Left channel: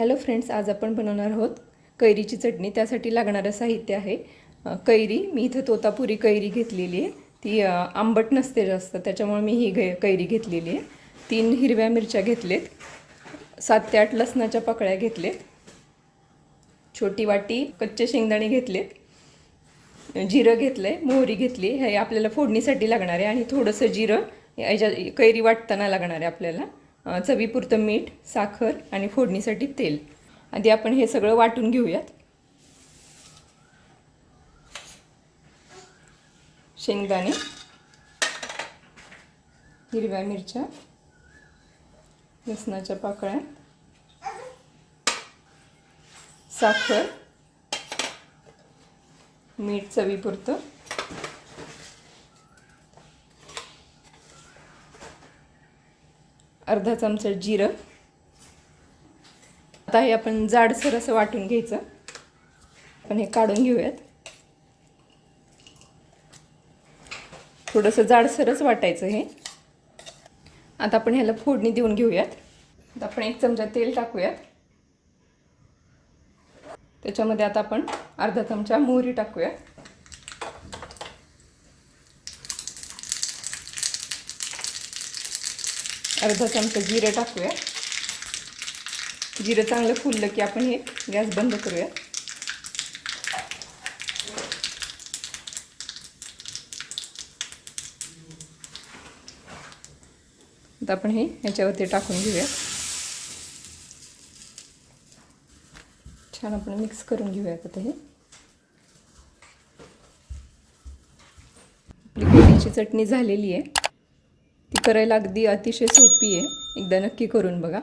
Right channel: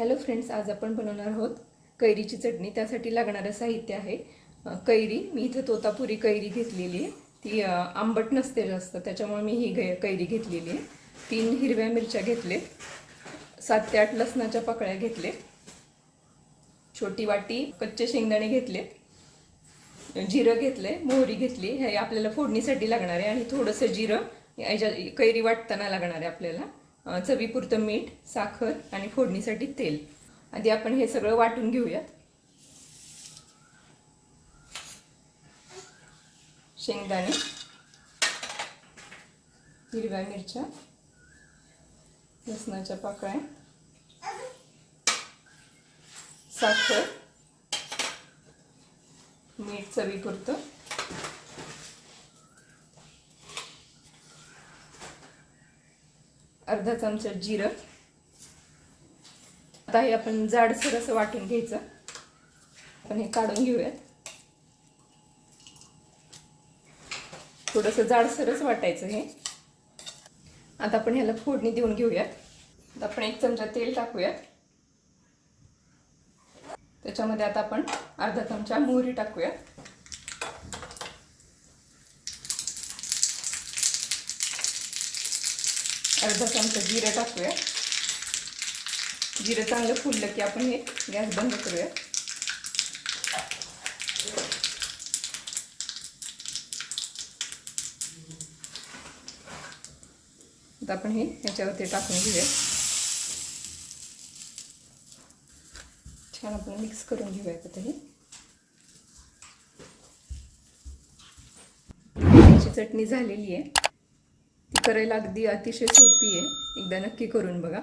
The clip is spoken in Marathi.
हॅलो फ्रेंड्स आज आपण बनवणार आहोत कैरीची चटणी. त्यासाठी लागणारं साहित्य आहे. कैरी. मी इथं तोतापुरी कैरी घेतलेली आहे. ती आंबट नसते जास्त त्याच्यामुळे मी ही गे कैरी घेतलेली आहे. तीन हिरव्या मिरच्या घेतलेत. सात ते आठ लसणाच्या पकळ्या घेतलेत. छोटी वाटी कच्चे शेंगदाणे घेतलेत. जिरं घेतलंय मोहरी घेतली. हे आपल्याला फोडणीसाठी लागणार आहे आणि थोडंसं जिरं याच्या कैरी वाटताना लागणार आहे आपल्याला. चवीपुरतं मीठ साखर आणि फोडणीसाठी तेल. आधी आपण हे सगळं वाटून घेऊयात. शेंगदाणे हिरव्या मिरच्या लसणाच्या पाकळ्या साखर मीठ चवीपुरतं. अर्धा चमचा जिरं. आता हे आपण जाडसर असं वाटून घ्यायचं. आपण हे काढून घेऊयात. थोडंसं जाडसरच वाटायचं हे. आता आपण ह्याला फोडणी देऊन घेऊयात. आता आपण एक चमचा तेल टाकूयात. त्याच्यामध्ये आता आपण अर्धा चमचा मोहरी टाकूयात. अर्धा चमचा जिरं टाकूया. जिरं चांगलं फुललं की आपण हे गॅस बंद करूया. आता आपण हे ह्याच्यावरती टाकून घेऊया. छान आपण मिक्स करून घेऊया आता हे चटणी झालेली आहे. ती करायला अगदी अतिशय सोपी आहे. एकदा नक्की करून बघा.